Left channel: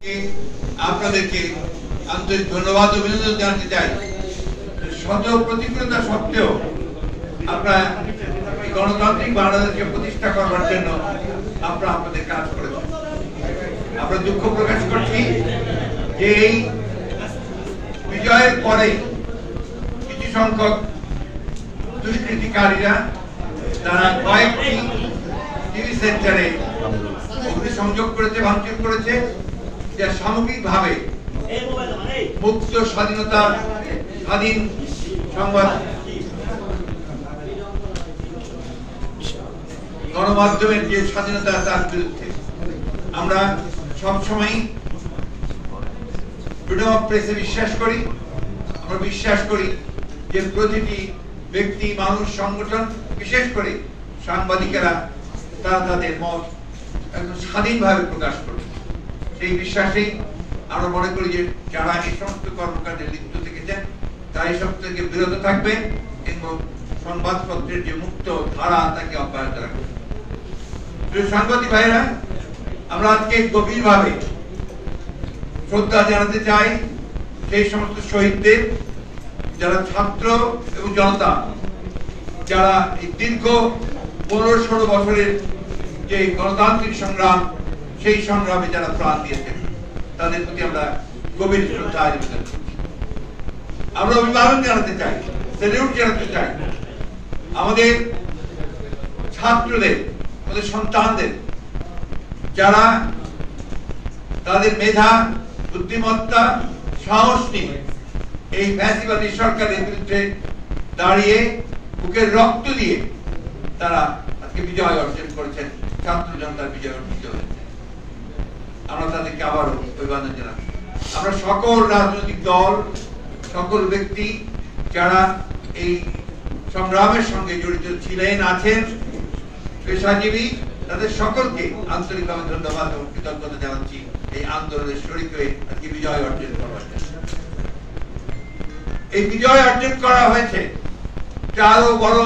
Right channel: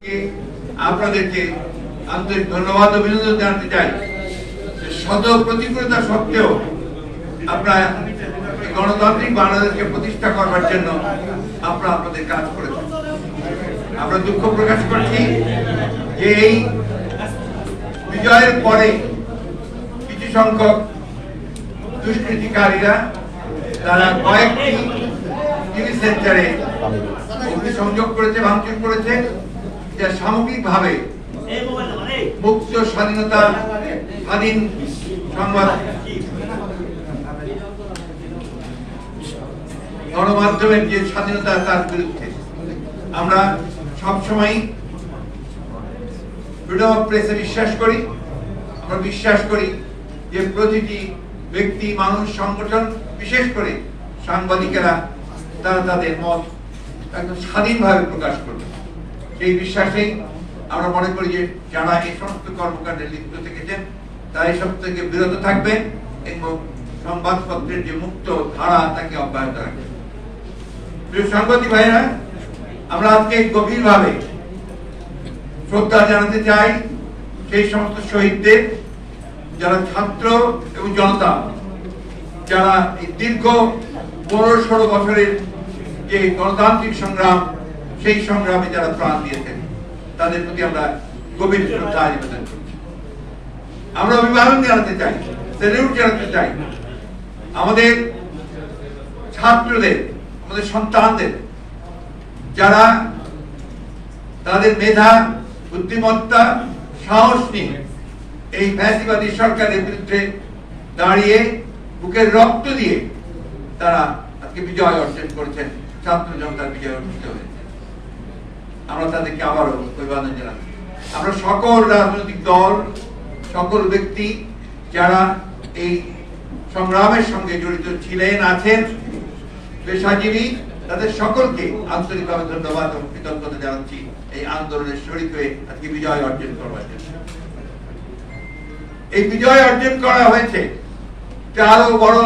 আপনাদেরকে আন্তরিক ধন্যবাদ অভিনন্দন জানাতে চাই। শত প্রতিকূলতা সত্ত্বেও আপনারা গণতান্ত্রিক বাংলাদেশকে প্রতিষ্ঠা করবার জন্য আপনারা আপনাদের কাজ করেছেন। আমরা দুঃখ প্রকাশ করছি যে এই বিজয়ের পরে কিছু সংখ্যক দুষ্কৃতিকারীরা তারা কয়েকটি টিভি সেন্টারে অগ্নিসংযোগ করেছে, ভাঙচুর করেছে, যা সামগ্রিকভাবে মুক্ত স্বাধীন সংবাদ গণমাধ্যমের যে স্বাধীনতা তার বিরুদ্ধে। আমরা সবসময় ফ্রিডম অফ প্রেসে বিশ্বাস করি। আমরা বিশ্বাস করি যে প্রতিটি ব্যক্তি, মানুষ, সংগঠন, বিশেষ করে সাংবাদিকেরা তারা তাদের মত একদম স্বাধীনভাবে প্রকাশ করবে। সেই বিশ্বাসেই আমরা মনে করি যে যারা এই সমস্ত কর্মকাণ্ডে লিপ্ত থেকেছেন তারা এসব থেকে বিরত থাকবেন এবং সংবাদপত্রের যে মুক্ত ধারা তাকে অব্যাহত রাখবেন। প্রিয় সাংবাদিক ভাইরা, আমরা আজকে গভীরভাবে শ্রদ্ধা জানাতে চাই সেই সমস্ত শহীদদের, যারা ছাত্র এবং জনতা, যারা এই দীর্ঘ 15-16 বছরের যে গণতান্ত্রিক সংগ্রাম, সেই সংগ্রামে যারা প্রাণ দিয়েছেন, তাদের প্রতি আমরা গভীর শ্রদ্ধা নিবেদন করছি। আমরা অভিবাদন জানাতে চাই, স্যালিউট জানাতে চাই আমাদের ছাত্রদের, আমাদের সন্তানদের, যারা তাদের মেধা, বুদ্ধিমত্তা, সাহস নিয়ে এই ফ্যাসিবাদী সরকারের বিরুদ্ধে দাঁড়িয়ে বুকের রক্ত দিয়ে তারা আজকে বিজয় অর্জন করেছেন, ছাত্র জনতার বিজয় অর্জিত হয়েছে। আমরা তাদেরকে আবারও অভিবাদন জানাচ্ছি। আমরা সকল রাজনৈতিক দল, সকল ব্যক্তি যারা এই সংগ্রামের সঙ্গে জড়িত ছিলেন, আছেন, পেশাজীবী, তাদের সকলকে আন্তরিকভাবে ধন্যবাদ এবং কৃতজ্ঞতা জানাচ্ছি এই আন্দোলনের শরীক হয়ে আজকে বিজয় অর্জন করবার জন্য। এই বিজয় অর্জন করা হয়েছে, আরো বড়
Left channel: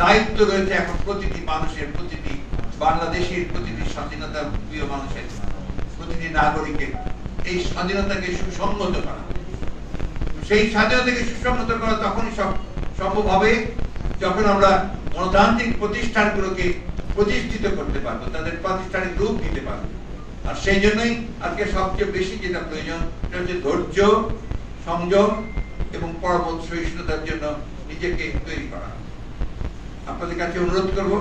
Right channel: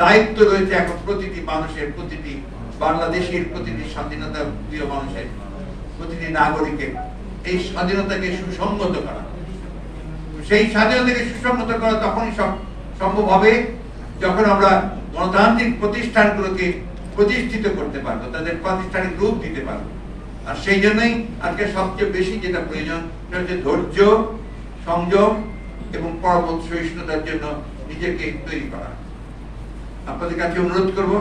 দায়িত্ব রয়েছে এখন প্রতিটি মানুষের, প্রতিটি বাংলাদেশের, প্রতিটি স্বাধীনতা প্রিয় মানুষের, প্রতিটি নাগরিকের এই স্বাধীনতাকে সুসংগত করা। সেই স্বাধীনতাকে সুসংগত করা তখনই সম্ভব হবে যখন আমরা গণতান্ত্রিক প্রতিষ্ঠানগুলোকে প্রতিষ্ঠিত করতে পারবো, তাদের প্রাতিষ্ঠানিক রূপ দিতে পারবো। আর সেই জন্যই আজকে সবচেয়ে বেশি যেটা প্রয়োজন সেটা হচ্ছে ধৈর্য, সংযম এবং পরবর্তী সহিষ্ণুতার জন্য নিজেকে তৈরি করা। আপনাদের কাছে অনুরোধ করব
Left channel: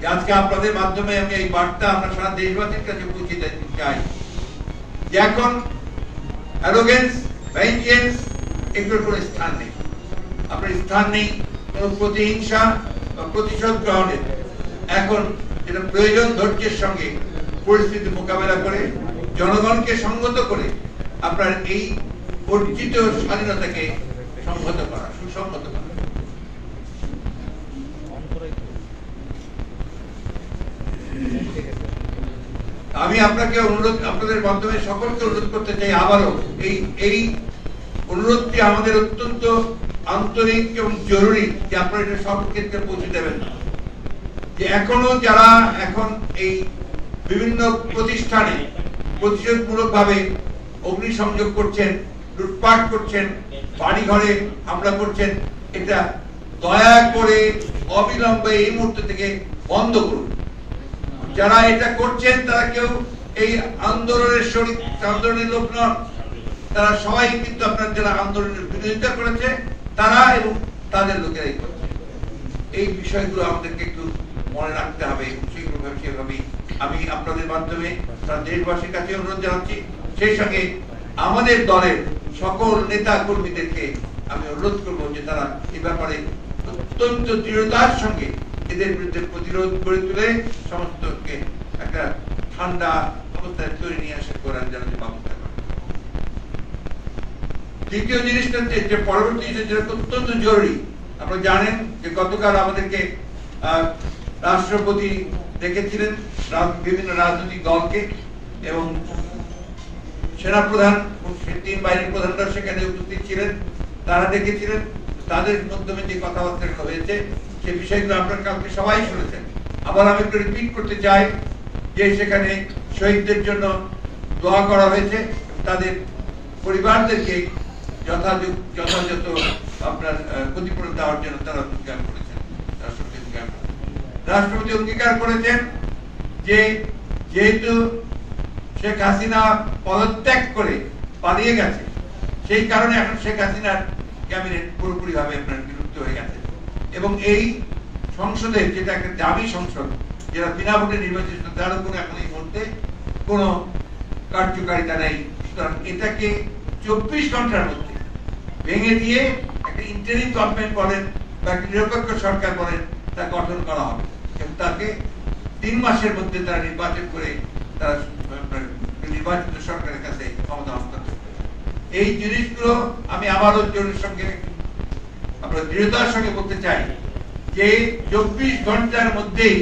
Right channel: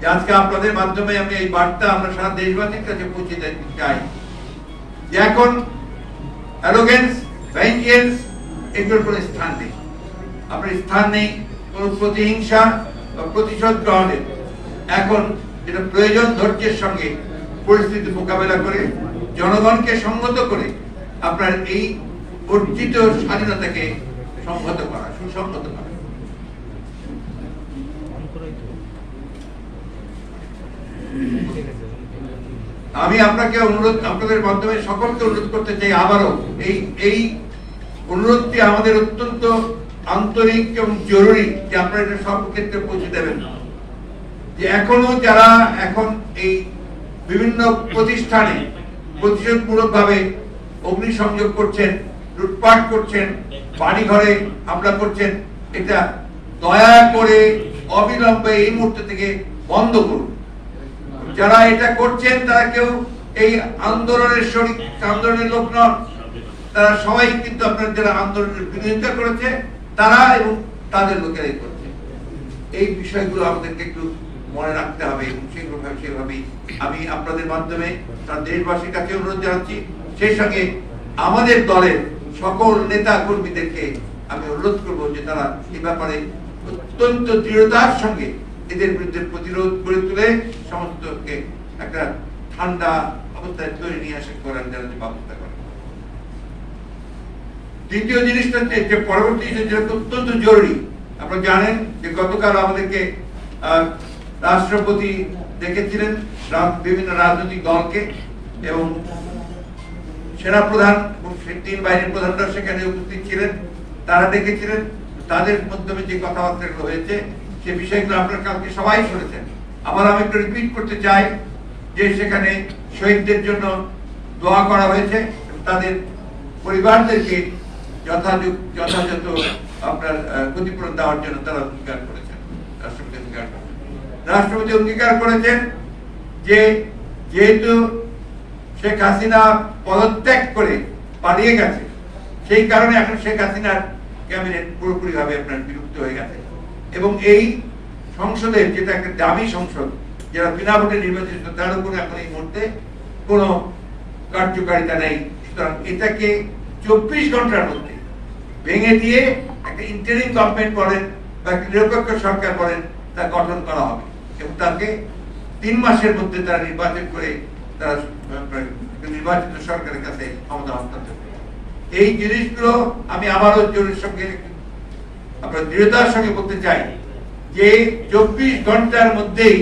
যে আজকে আপনাদের মাধ্যমে আমি এই বার্তা আমরা সারা দেশবাসীর কাছে পৌঁছে দিতে চাই যে এখন অ্যারোগেন্স, ভেঞ্জিয়েন্স এগুলোর কোনো স্থান নেই। আপনার স্থান নেই কোনো প্রতিহিংসা বা প্রতিশোধ গ্রহণের। এখন যেটা প্রয়োজন, ধৈর্যের সঙ্গে পরিস্থিতি মোকাবেলা করে জনগণকে সংহত করে আপনার এই অর্জিত স্বাধীনতাকে সংহত করা, সুসংহত করা। আমি আপনাকে অনুরোধ, আপনাদের মাধ্যমে সকলকে অনুরোধ করতে চাই আবারও এই অনুরোধটি আমাদের অত্যন্ত আন্তরিক এবং জরুরি যে আপনারা এটা সব ক্ষেত্রে পৌঁছে দেবেন। যে এখনো যারা এখন এই বিভিন্ন প্রতিষ্ঠানে প্রতিশোধমূলক ভাবে অগ্নিসংযোগ করছেন, লুটপাট করছেন, বাড়ি ঘরে হামলা করছেন, এটা দয়া করে অবিলম্বে এই মুহূর্ত থেকে বন্ধ করুন। যারা এটা করছেন তারা কেউ এই আন্দোলনের শরীক, আন্দোলনের লোক নন, তারা সবাই কিন্তু আপনার যারা আন্দোলনের বিরোধিতা করেছে তারা এবং তাদের লোকেরাই করছে। এই বিষয়গুলো আমাদেরকে একটু মনে রাখতে হবে এবং সেভাবেই আমি আপনাদের মাধ্যমে তার দেশবাসীর কাছে অনুরোধ জানাচ্ছি। সেই সঙ্গে আমাদের দলের সকল নেতা কর্মীদেরকে আমি অনুরোধ করবো যে তারা এ ব্যাপারে অত্যন্ত দৃঢ়তার সঙ্গে এদের বিরুদ্ধে প্রতিরোধ গড়ে তুলে সমস্তকে একটা ঠান্ডা অবস্থায় তৈরি নিয়ে আসা করার যেন ব্যবস্থা করে। দ্বিতীয় জিনিসটা যে পরবর্তী যেটা অত্যন্ত জরুরি, আপনারা জানেন যে গতকাল আমাদেরকে রাষ্ট্রপতি ডেকেছিলেন বিভিন্ন রাজনৈতিক দলকে এবং সেনাপ্রধান এবং 3 বাহিনীর প্রধানরা সেখানে উপস্থিত ছিলেন। তারা ডেকেছিলেন, তাদের মাধ্যমে যে কথাবার্তা হয়েছে সে বিষয়গুলো আপনারা কালকে সবাই শুনেছেন। আবার আমি একটু রিপিট করতে চাই যে সেখানে শহীদদের জন্য দোয়া করা হয়েছে, তাদের পরিবারদেরকে যথাযথ আপনার ক্ষতিপূরণ দেওয়ার জন্য তারা অঙ্গীকার করেছেন। রাষ্ট্রপতি অঙ্গীকার করেছেন যে যেহেতু শেখ হাসিনা পদত্যাগ করে পালিয়ে গেছে, সেই কারণে এখন শেখ হাসিনার ক্যাবিনেট পুরোপুরি ভাবে আপনার বিলুপ্ত হয়ে গেছে এবং এই সংসদের যেটা একটা দাবি সংসদ, যারা বিনা ভোটে নির্বাচিত, তার উপরে এখন এই মুহূর্তে কোনো কার্যকারিতা নেই। সুতরাং এটাকে 24 ঘন্টার মধ্যে ভেঙে দিয়ে একটা ইন্টারিম গভর্নমেন্ট বলেন বা একটা নিরপেক্ষ সরকার বলেন তা গঠন করা হবে এবং তাকে 3 মাসের মধ্যে তারা নির্বাচন করে তারা নির্বাচিত সরকারের কাছে ক্ষমতা হস্তান্তর করে। এই জিনিসগুলো আমি আবারও জোরের সঙ্গে আপনার দৃঢ়তার সঙ্গে বলতে চাই যে 24 ঘন্টার মধ্যেই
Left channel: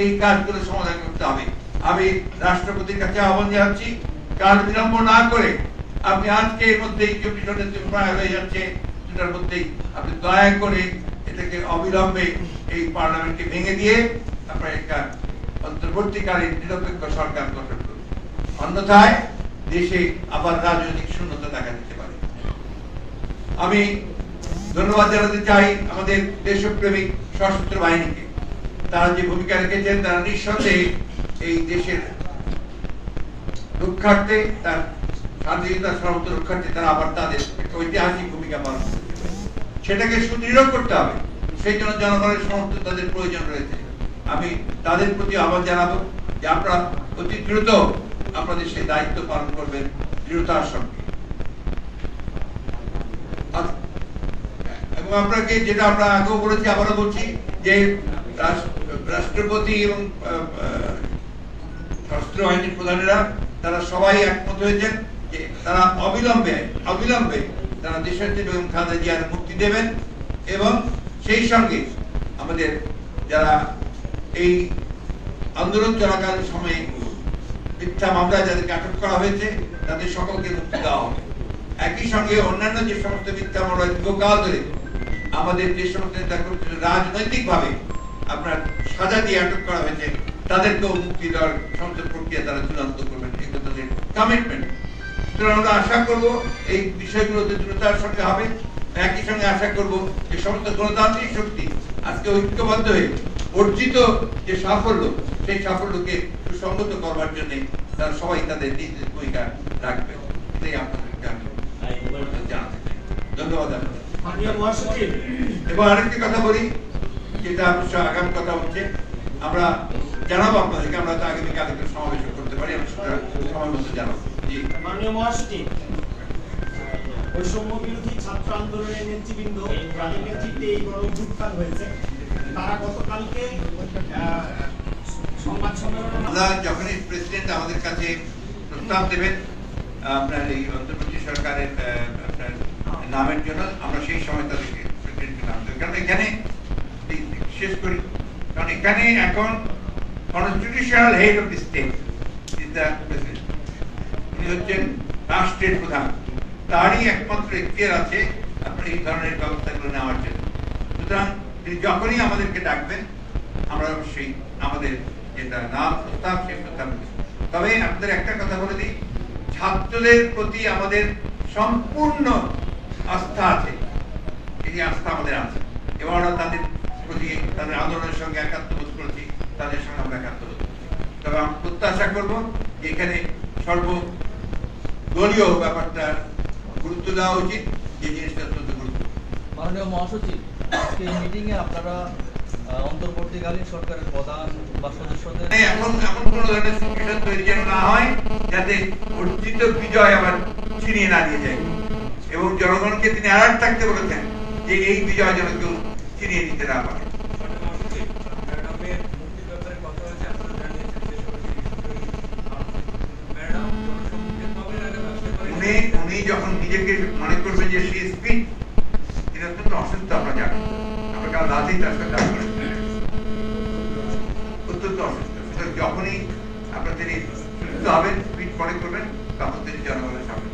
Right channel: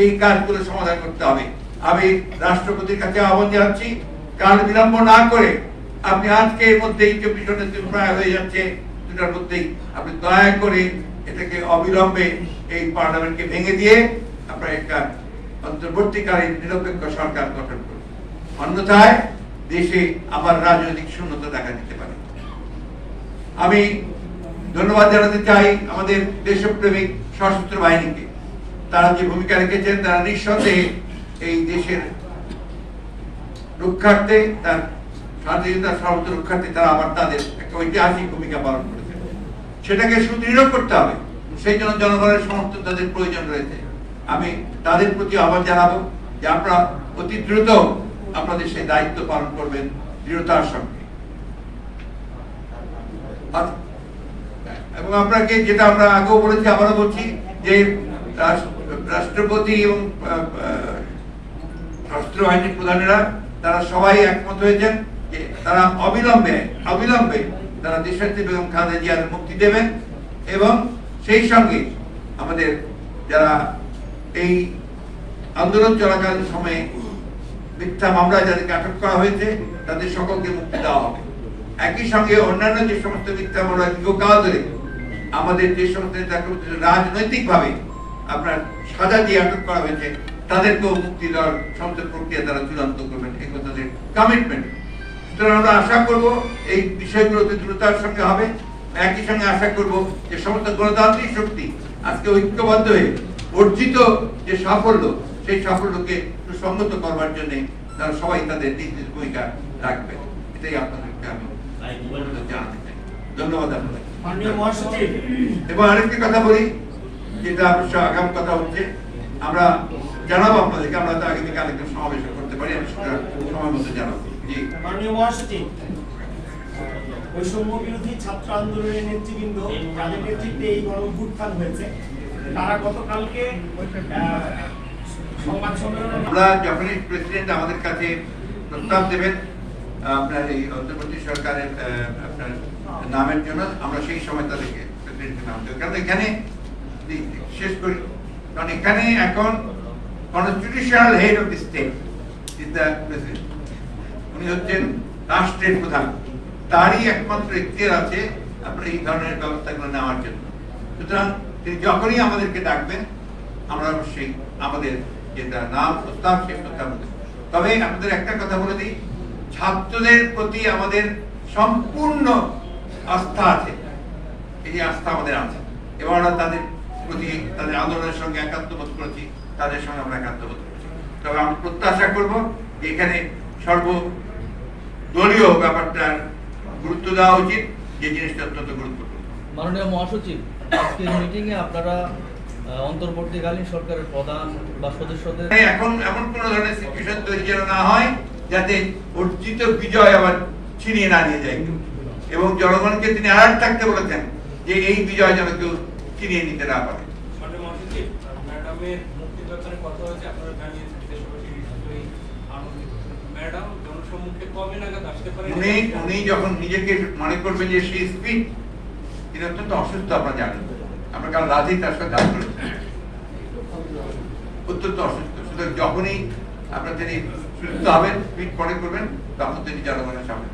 এই কাজগুলো সমাধান করতে হবে। আমি রাষ্ট্রপতির কাছে আহ্বান জানাচ্ছি, কাল বিলম্ব না করে আপনি আজকে এর মধ্যেই 24 ঘন্টা প্রায় হয়ে যাচ্ছে, দুটার মধ্যেই আপনি দয়া করে এটাকে অবিলম্বে এই পার্লামেন্টকে ভেঙে দিয়ে আপনার একটা অন্তর্বর্তীকালীন নিরপেক্ষ সরকার গঠন করুন, অন্যথায় দেশে আবার রাজনৈতিক শূন্যতা দেখা দিতে পারে। আমি ধন্যবাদ জানাতে চাই আমাদের দেশপ্রেমিক সশস্ত্র বাহিনীকে। তারা যে ভূমিকা রেখেছেন, তারা নিঃসন্দেহে এই দেশের রক্ষার্থে, তার স্বাধীনতার সর্বত্র রক্ষার্থে তারা আবার তাদের একটা ঐতিহাসিক ভূমিকা পালন করেছে। সেটাকে সুদৃঢ় করতে হবে, সেই জন্য জনগণের সমর্থন তাদের প্রয়োজন রয়েছে। আমি তাদের প্রতি আহ্বান জানাবো যে আপনারা অতি দ্রুত আপনাদের সেই দায়িত্ব পালন করবেন দৃঢ়তার সঙ্গে। এবং আপনাকে যেটা আমরা আগেও বলেছি, আবারও বলছি যে রাষ্ট্রপতি এবং রাষ্ট্র বাহিনীর প্রধানেরা তারা সবাই একমত হয়েছেন যে তারা অবিলম্বে তারা দেশনেত্রী বেগম খালেদা জিয়ার মুক্তি দেবেন এবং সেই সঙ্গে আমাদের যারা এই আন্দোলন চলাকালীন সময়ে মিথ্যা মামলা যাদেরকে আটক করা হয়েছে তাদের সকলকে মুক্তি দেওয়া হবে। একই সঙ্গে অন্যান্য যে সমস্ত মিথ্যা মামলা দীর্ঘকাল ধরে আমাদের যে সমস্ত রাজনৈতিক ভাবে আপনার সাজা দিয়ে আটক করা হয়েছে তাদেরকেও মুক্তি দেওয়ার সমস্ত প্রক্রিয়া তারা চূড়ান্ত করবেন, এগুলো তাদের কমিটমেন্ট। সুতরাং আমরা আশা করব এই বিষয়গুলোতে দ্রুততার সঙ্গে হবে। একই সঙ্গে আশা করব যে সমস্ত গণতান্ত্রিক শক্তি আজকে ঐক্যবদ্ধ হয়ে অর্জিত যে সাফল্য, সেই সাফল্যকে সুসংগত করবার জন্য তারা সবাই তাদের নিজ নিজ ভূমিকা রাখবে। এটাই আপনাদেরকে আমি জানাতে চাই। ধন্যবাদ আপনাদের। এবং আরেকটি কথা বলি, যেটা অবশ্য আগামী কথা হচ্ছে, আমরা জানাবো আপনাদেরকে, আমরা তো আগামীকাল একটা সমাবেশ করতে পারি, আমি সেটা সময় মতো জানাবো। জি মাননীয় মহাসচিব, বৈষম্য বিরোধী ছাত্র আন্দোলনের নেতৃবৃন্দ তাদের নেতৃত্বে এই গণ অভ্যুত্থান হয়েছে, তারা গতকালকে সংবাদ সম্মেলন, আমরা যখনই প্রেসিডেন্ট আমাদের কাছে প্রস্তাব দেবেন আপনার এই অন্তর্বর্তী সরকারের আপনার নামের জন্য, আমরা সেই সময় তাদেরকে প্রেসিডেন্টের নাম দেবো। কারণ এখানে শেষ করি, কারণ এখানে এখন constitutional head of the state is the president, উনি হচ্ছেন রাষ্ট্রের প্রধান, তারই একমাত্র এখতিয়ার আছে আপনার এই ধরনের ব্যবস্থাগুলো নেওয়ার জন্য। সুতরাং তিনি যখনই আমাদেরকে ডাকবেন আমরা অবশ্যই আমাদের যেটা নাম প্রস্তাব সেই প্রস্তাব দেব। তবে আপনাদের একটা কথা বলে দিই, ছাত্রদের প্রতি আমাদের সম্পূর্ণ আস্থা আছে, এই আস্থা আমাদের আছে এবং আমরা তাদের প্রতি তাদের আন্দোলনের সঙ্গে একাত্মবোধ করেছি, তাদের সঙ্গে আমরা একাত্মবোধ করছি। তবে আমরা প্রত্যাশা করব যে এখানে সর্বদলীয় ব্যাপারটার গুরুত্ব দেওয়া উচিত, যে জিনিসটা অত্যন্ত গুরুত্বপূর্ণ। মাননীয় মহাসচিব, আজকের মিটিং এ আপনারা অন্তর্বর্তীকালীন সরকারের প্রধান বা সদস্যদের এখন এমন কোন ধরনের সিচুয়েশন তৈরি যেন না হয় যাতে অর্জিত বিজয় আবার ছিনিয়ে না নিয়ে যায়, এবং জনগণকে তিনি অ্যালার্ট থাকতে বলেছেন যে এই বিজয় যেন কেউ ছিনিয়ে নিতে না পারে। উনি যখন নিজেকে মনে করবে যে সে স্পিড, তিনি অত্যন্ত অসুস্থ, আমরা জানি, আমরা কারণ রাতেই তার সাথে কাজ করি, অত্যন্ত অসুস্থ। যখনই আপনার তিনি সুস্থ হবেন, স্পিড মনে করবেন, তখন তিনি জনগণের সামনে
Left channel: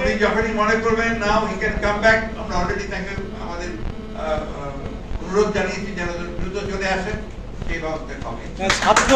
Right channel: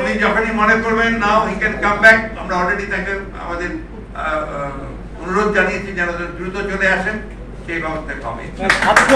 উনি যখনই মনে করবেন নাও হি ক্যান কাম ব্যাক, আমরা অলরেডি তাকে আমাদের অনুরোধ জানিয়েছি যেন দ্রুত চলে আসেন সেই ব্যবস্থা হবে। ছাত্র